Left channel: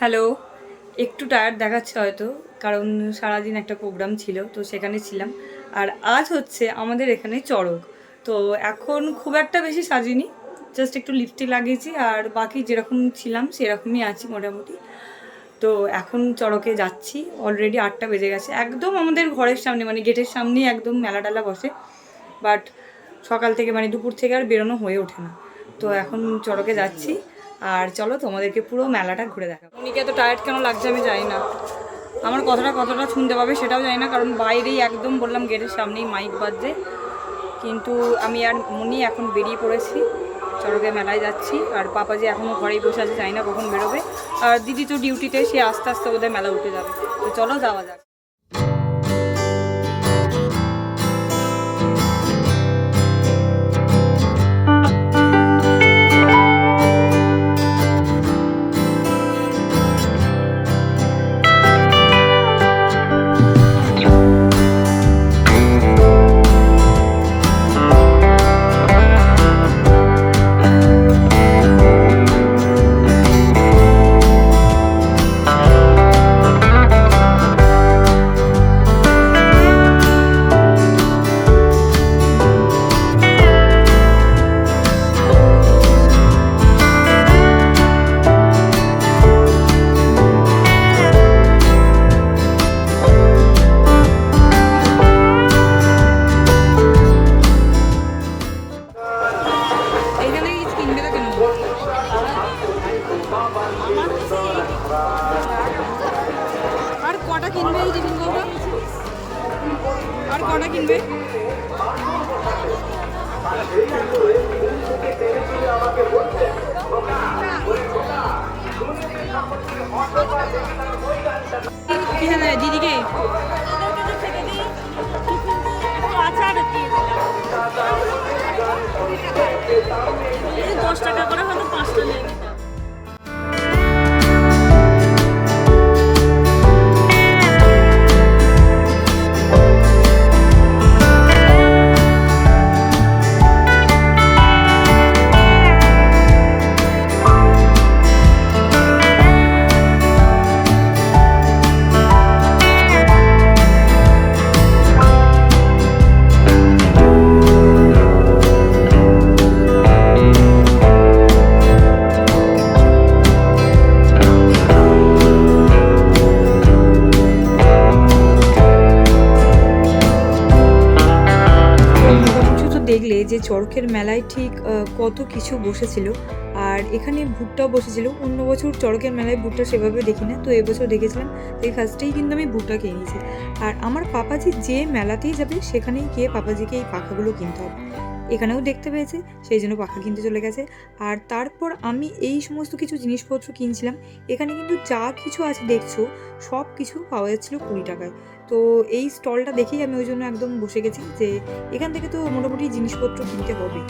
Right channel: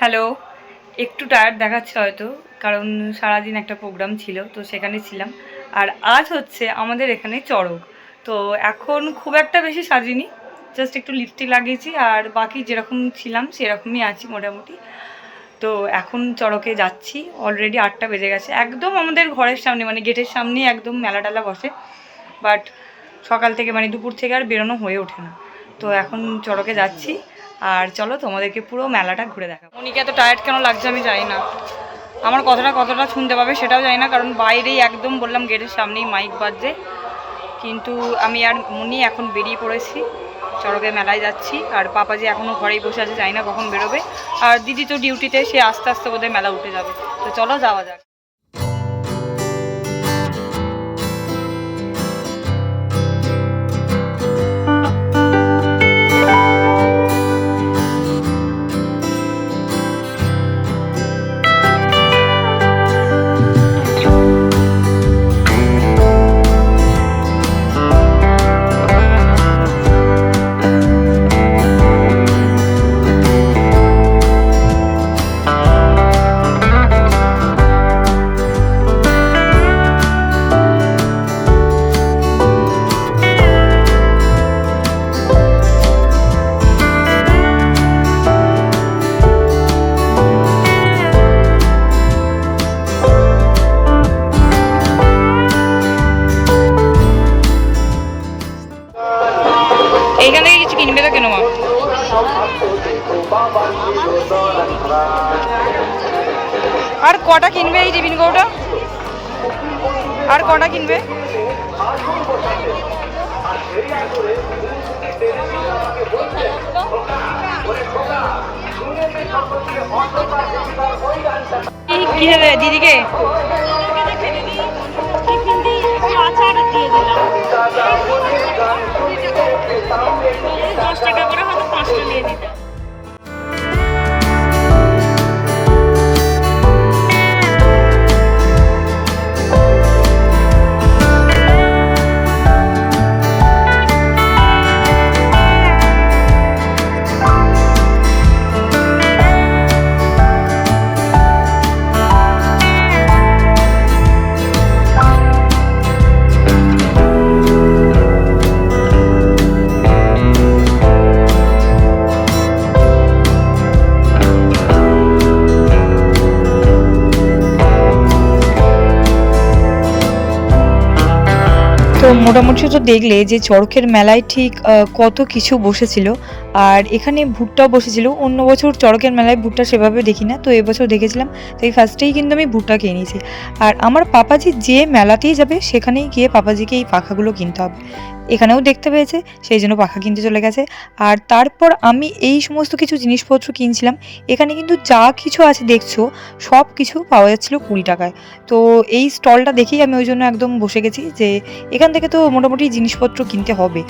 Hello, একটু tired দেখাচ্ছে হয়তো, কারণ সারাদিন একটা প্রোগ্রাম ছিল তো সেখানে ছিলাম। আর আজ হচ্ছে আমাদের এখানে চড়ক। তো এখন খুব একটা বেশি সাজিনি, জাস্ট একটু লিপস্টিক লাগিয়েছি আর বাকি যেরকম ছিলাম সেরকমই আছি মোটামুটি। তো এখন চড়কে যাচ্ছি, অলরেডি 8টা বেজে গেছে। একদম আমাদের ঘরের সামনে মানে গেটের সামনেই একদম মেলা টেলা বসে, বাট সকাল থেকে মানে দুপুর থেকে আর বেরোনো হয়ে ওঠে না। তো এখন চড়কে যাচ্ছি আর চলো তোমাদেরকে পুরো মেলাটা ঘুরে দেখাবো। মনিকে এত টায়ার্ড কেন লাগছে আমি জানি না, আমার কথাটা কতটা শুনতে পাবে সেটাও জানি না, কারণ বাইরেই একদম বললাম গেটের সামনেই মাইক বাজছে। কিন্তু আমি আর মনি এখন বেরিয়ে পড়েছি, চড়কে মেলায় যাচ্ছি। আর পাপাজি এখনও ঘরেই বসে আছে, জানি না কখন বেরোবে। আর দিদি তো ডিউটিতে, সে আস্তে আস্তে বোধহয় মেলা উঠে যাবে। তো চলো যাওয়া যাক। এইখান থেকে কিছু কিনবে তো কেন মা? আর কটা কিনবে এই টিফিন কৌটা? আর কটা কিনবে? কি দেবে দিদিকে? আচার দিয়ে দিলাম, 10 টাকা করে হয়তো 5টা নিয়ে দিতাম। মোটামুটি তো দেখলে যে চড়কের মেলায় ঠিক কত কিছু বসেছিল। আর এখানে ভুট্টাও বসেছিল। অন্য বছর চড়কের মেলায় ভুট্টা সেভাবে দেখি না, তো এবছর দেখেছিলাম। তো এই ফার্স্টেই কিন্তু আমি ভুট্টা কিনে নিয়েছি। আর আমার পাপাজি যে মেলাতেই যাবে সেখানেই গিয়ে পাপাজিকে এই পাখাগুলো কিনতে হবে। এখানেও দেখতে পেয়েছে, সেই জন্য পাখা কিনতে চলে গেছে। আর তারপর আমি এই সমস্ত কিছু জিনিসপত্র কিনছিলাম। এখানে কিন্তু যা কিছু আছে দেখছো সব কিছু পাওয়া যাচ্ছিলো 20 টাকায়। তো এই স্টলটা দেখেই আমি ওই জন্য একদম বসে গেছি যে এখান থেকে তো মোটামুটি জিনিসপত্র কিনতে হবে।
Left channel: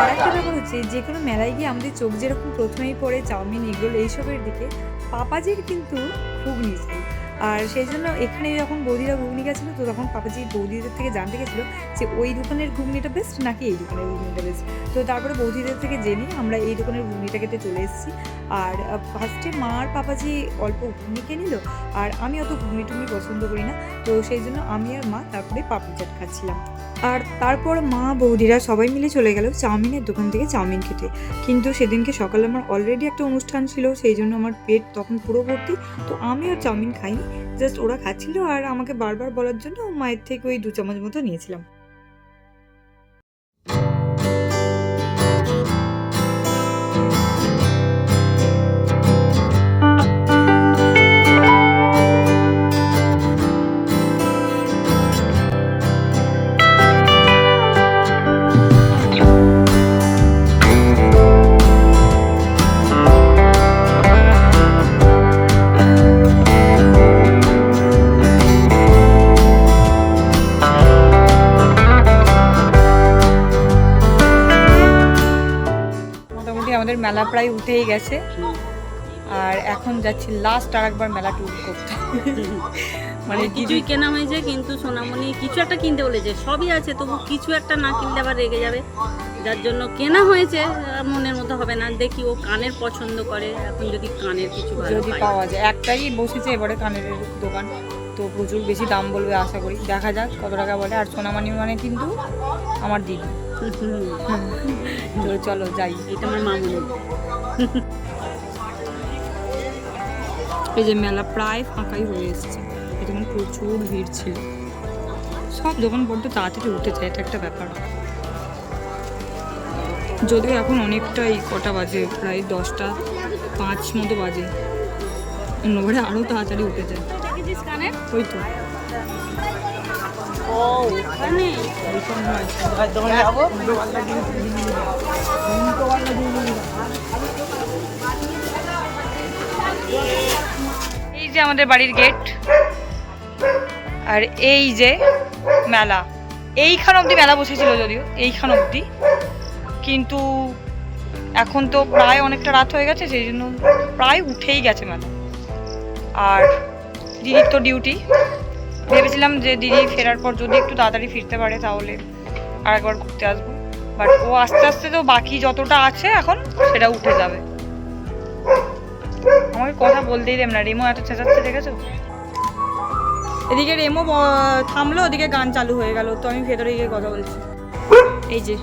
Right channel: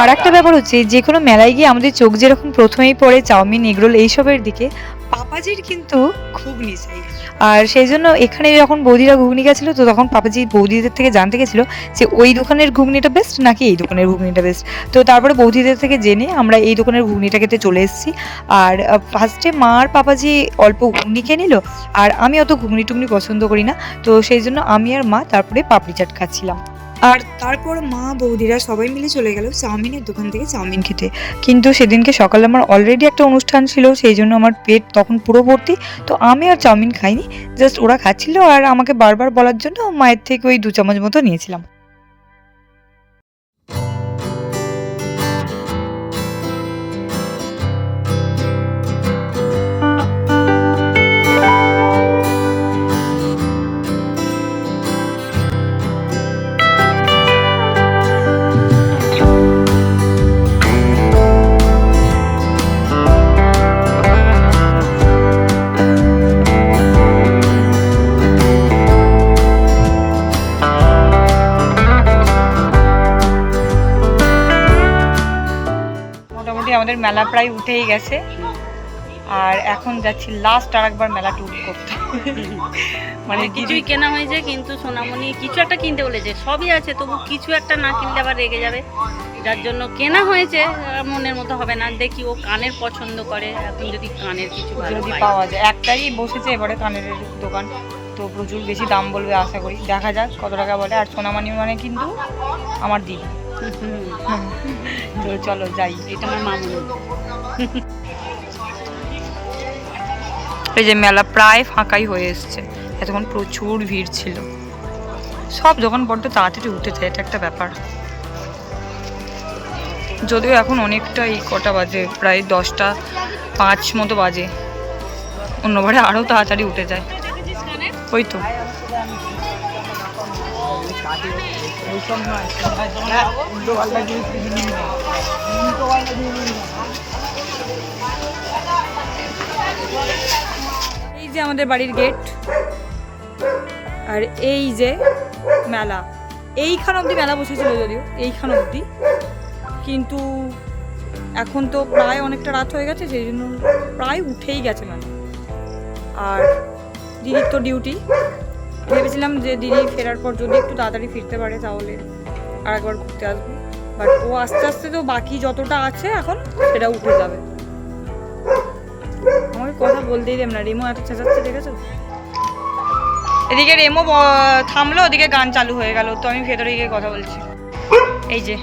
আর একটা ব্যাপার হচ্ছে, যে কোনো মেলায় গিয়ে আমাদের চোখ যেরকম প্রথমেই পড়ে চাউমিন, এগরোল এইসবের দিকে, পাপাজির কিন্তু ঘুগনি চাই। আর সেই জন্য এখানে যখন বৌদিরা ঘুগনি গেছিলো, তো তখন পাপাজি বৌদিদের থেকে জানতে গেছিলো যে ওই দোকানের ঘুগনিটা বেস্ট নাকি এই দোকানের ঘুগনিটা বেস্ট। তো তারপরে বৌদিদের থেকে জেনে আমরা এই দোকানের ঘুগনিটা খেতে চলে এসেছি। আর ফার্স্টে মা আর পাপাজি অল্প ঘুগনি খেয়ে নিল, আর আমি অত ঘুগনি টুগনি পছন্দ করি না, তো সেই জন্য আমি আর মা তারপরে পাপড়ি চাট খাচ্ছিলাম। আর তারপর মা বৌদিরা সবাই মিলে চলে গেল চাউমিনের দোকান থেকে চাউমিন খেতে। কিন্তু সেদিনকে সকালে আমার অলরেডি একটা অনুষ্ঠান ছিল, সেই জন্য আমার পেট তখন পুরো ভর্তি। তো আমি আর চাউমিন খাইনি, জাস্ট ওরা খাচ্ছিল আর আমাকে বারবার বলার জন্য মায়ের থেকে ওই 2 চামচ মতো নিয়েছিলাম। আমাদের মেলা প্রায় উঠেই গেছে, আর এখন যাচ্ছি লাস্ট আর একবার মেলা ট্যুর করতে। মানে কিছুই কেনা হয়েছে, কিন্তু সোনামণি কিছু একটা কিনতে বলেছে, সবই আছে তবু কিছু একটা না কিনলে আবার রেগে যাবে, যার জন্য কেনা হয়েছে। মনের মতো হবে না, দেখি ও কানের পছন্দ করে, এখন যদি কানের কিছু যদি পাওয়া যায়। একটাই বসেছে এবারে কানের দোকান, তো প্রচুর বেশি দাম বলবে আশা করি, দেখা যাক কত টাকা বলে। আর সোনামণি মানে কিন্তু আমার দিদি, তো চলো যাই। এটা আমার মামুনি। এই যে মেলা প্রায় ফাঁকাই হয়ে এসছে, এতক্ষণ প্রচুর ভিড় ছিল, সব দোকান বড্ড তাড়াতাড়ি উঠে যায়, এটা একটা ব্যাপার। যদিও এখন অনেকটাই কটা বাজে, প্রায় 10:05 মতো বাজে, অন্যবারে আরও তাড়াতাড়ি উঠে যায়। ওই তো এই যে আমাদের বাড়ির গেট, আর এই যে মেলা, এইখান অবধি মেলা বসেছিল, যদিও এইখান অবধি, কিন্তু এখন তো প্রায় অনেকটা রাত হয়ে গেছে, সেই জন্য প্রায় উঠেই গেছে মেলা। আর দিদির তো ডিউটি, ভেবেছিলাম যে দিদি ফেরার পর যদি একটু তাড়াতাড়ি ফিরতে পারে তাহলে আর একবার ঘুরতে আসবো, বাট ও আস্তে আস্তে তো বাকি যতটা আছে এখন সেটা উঠে যাবে। আমাকে কথা বলতেই দেব না, রেমো এত চেঁচাচ্ছে দেখেছো? এদিকে রেমো থামলো, ওদিকে গান চালু হয়ে গেল, তো আমি ভেতরে গিয়ে কথা বলছি। এই যে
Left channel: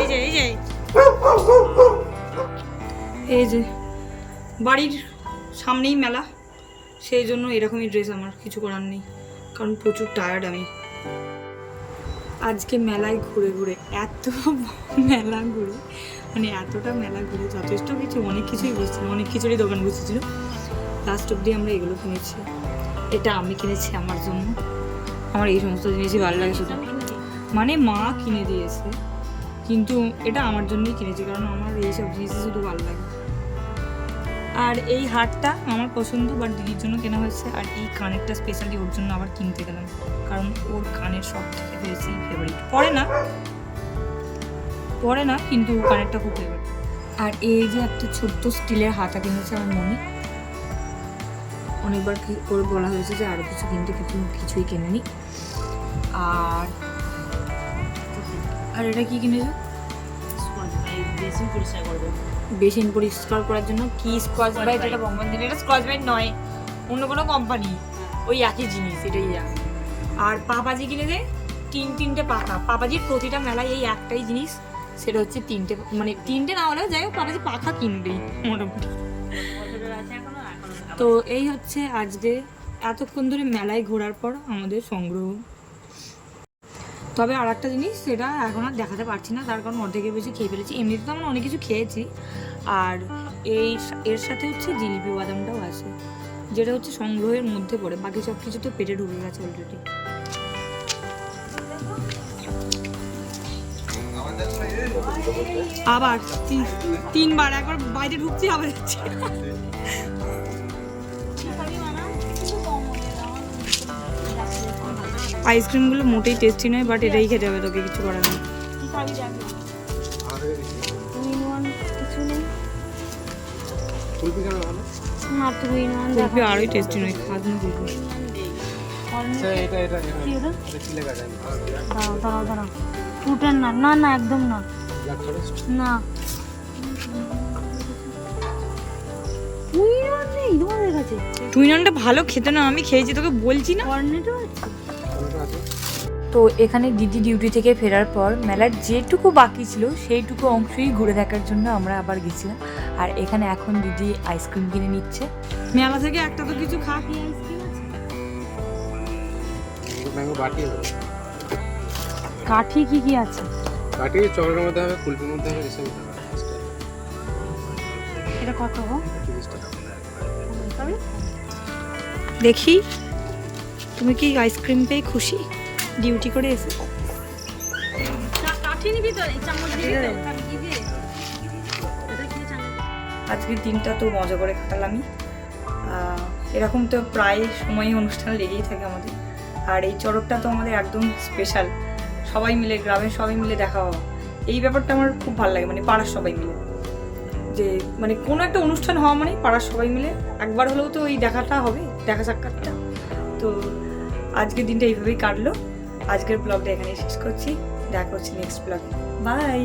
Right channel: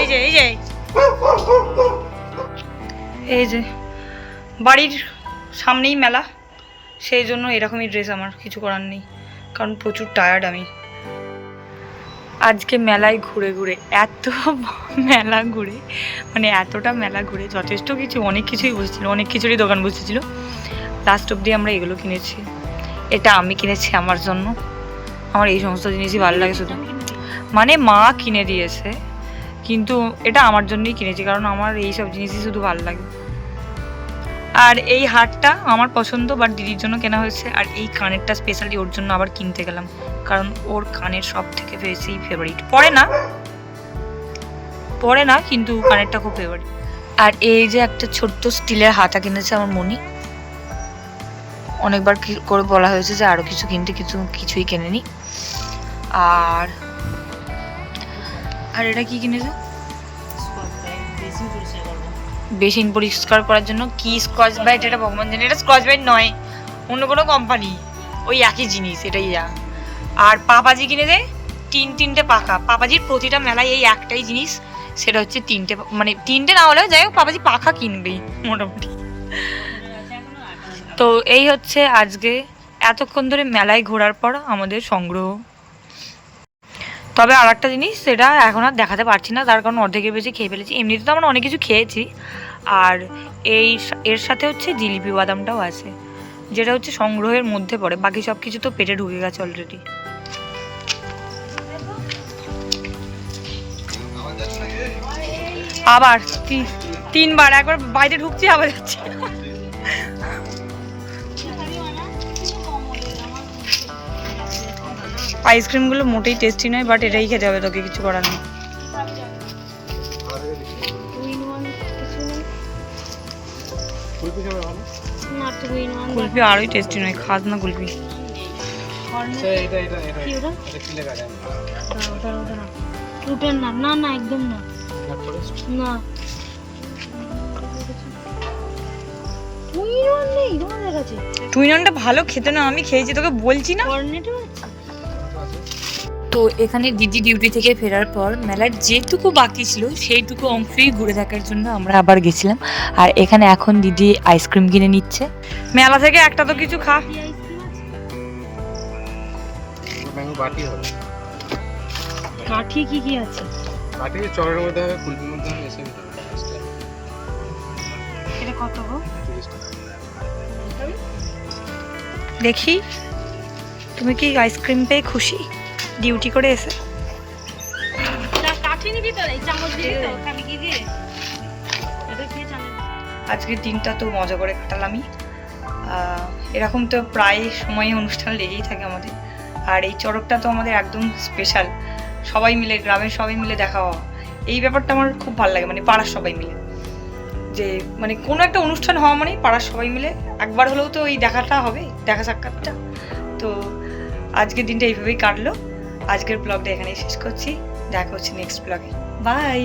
এই যে এই যে এই যে বাড়ির সামনেই মেলা, সেই জন্য এরকমই ড্রেস, আমার কিছু করার নেই, কারণ প্রচুর টায়ার্ড আমি। আজকে মেলায় ঘুরে ঘুরে এত মেলা ঘুরে, মানে এতটা মেলা ঘুরে যথেষ্ট কিছু, অনেক কিছুই বসেছিল, অনেক কিছুরই দোকান বসেছিল। লাস্ট অবধি আমরা এগুলো কিনেছি, এটা আমি কিনেছি আমার জন্য, আমার এই সমস্ত জিনিসই ভালো লাগে শুধু, মানে মা কিনে দিয়েছে, কিন্তু এটা আমার জন্যই কিনেছি, কারণ আমার এইসব জিনিসই শুধু ভালো লাগে। আর এই হারটা আমার পছন্দ, বাট দিদির জন্য কেনা হয়েছে। আর এই কানেরটা স্পেশালি ওর জন্য আবার কিনতে গেলাম, কারণ ওর কানের সব থেকে বেশি ফেভারিট, পরে না কিন্তু কানেরটা খুব ফেভারিট। আর এই যে একটা ছোট্ট স্টিলের হাতা কিনেছে আমার মনি, অনেকবার করে বলা হয়েছে যে আরও কিছু কিনতে, কিছুই কেনেনি। আর এটা কি কিনেছে? বেসিন পরিষ্কার করার জন্য। কি স্কচ ব্রাইট? এটা ভগবান জানে, এটা স্কচ ব্রাইট নয়, অন্য কোনো কোম্পানি, ওই একই জিনিস, এটাই যা। আর পাপাজি কিনে দেয় তিনটে পাখা, পাপাজির প্রতিটা মেলায় এই একটাই জিনিস, সেটা হচ্ছে তিনটে না হলেও যাই হোক পাপাজি পাখা কিনবেই মোটামুটি। তো এই হচ্ছে আজকে এতক্ষণ ধরে মেলায় ঘোরার পর আমাদের সংগ্রহ। তবে আর একটা জিনিস, সেটা এখন আর দেখাতে পারছি না, তার কারণ অর্ধেকের বেশি খেয়ে ফেলেছি। এমনিতে তো আমরা অনেক কিছু খেয়েছি, আর এর সাথে হচ্ছে জিলিপি বাদামটাও আছে, যেটা হচ্ছে সংগ্রহের মধ্যে পড়ে, বাকি সব কিছু তো পেটে ঢুকে গেছে অলরেডি। আবার তিনবার, একবার বাইরে ঢুকছি আবার যাচ্ছি। আইসক্রিমগুলো মোটেই টেস্টি নয়, বাট এটাই খেতে হবে, তোকে কিছু করার নেই। কুলফি আরোই টেস্টি নয়, খাস না কুলফি। না একদম না, না টুইননটা ভালো খেতে না, আমি খেয়েছি, তোকে বলছি না। তো এখানে দিদি ডিউটি থেকে ফেরার পর মেলার যেটুকু বাকি ছিল সেইটুকু অংশই ঘুরে দেখার জন্য আমরা আবার গেছিলাম। আর এখানে এখন দিদি আইসক্রিম কিনে নিচ্ছে। মেলা থেকে একটা তো কিছু খা। কাঠি কি আছে? কাঠি চকলেটের মধ্যে হবে, কুলফির মধ্যে হবে, এসবই হবে। এটা কত গো? 30 টাকা। দেখি তুমি কি আইসক্রিম পেয়ে খুশি ডিউটি করে এসে? কাঠি নিবি তো, এই চামচ দিবি তো, খালি কি দিয়ে এটা কি চামচ? আজকের দিনটা তো মজা করে কাটালামই। এরকম তো প্রায় সময় অনুষ্ঠান লেগেই থাকে আমাদের, আর এই চড়কটা তো আমাদের একদম স্পেশাল, সবাই মিলে, গ্রামের সবাই মিলে দেখা হওয়া, এই ব্যাপারটা আমার খুব ভালো লাগে, মানে পাড়ার সবাই মিলে। যে মানে কোনো একটা অনুষ্ঠান হওয়া মানেই পাড়ার সবাই মিলে একবার হলেও তো এই দেখাটা হবে, দেখা সাক্ষাৎটা। তো আজকের দিনটা এইভাবেই কাটলো। আজকের ব্লগটা এখানেই শেষ করছি, দেখা হচ্ছে নেক্সট ব্লগে। বাই।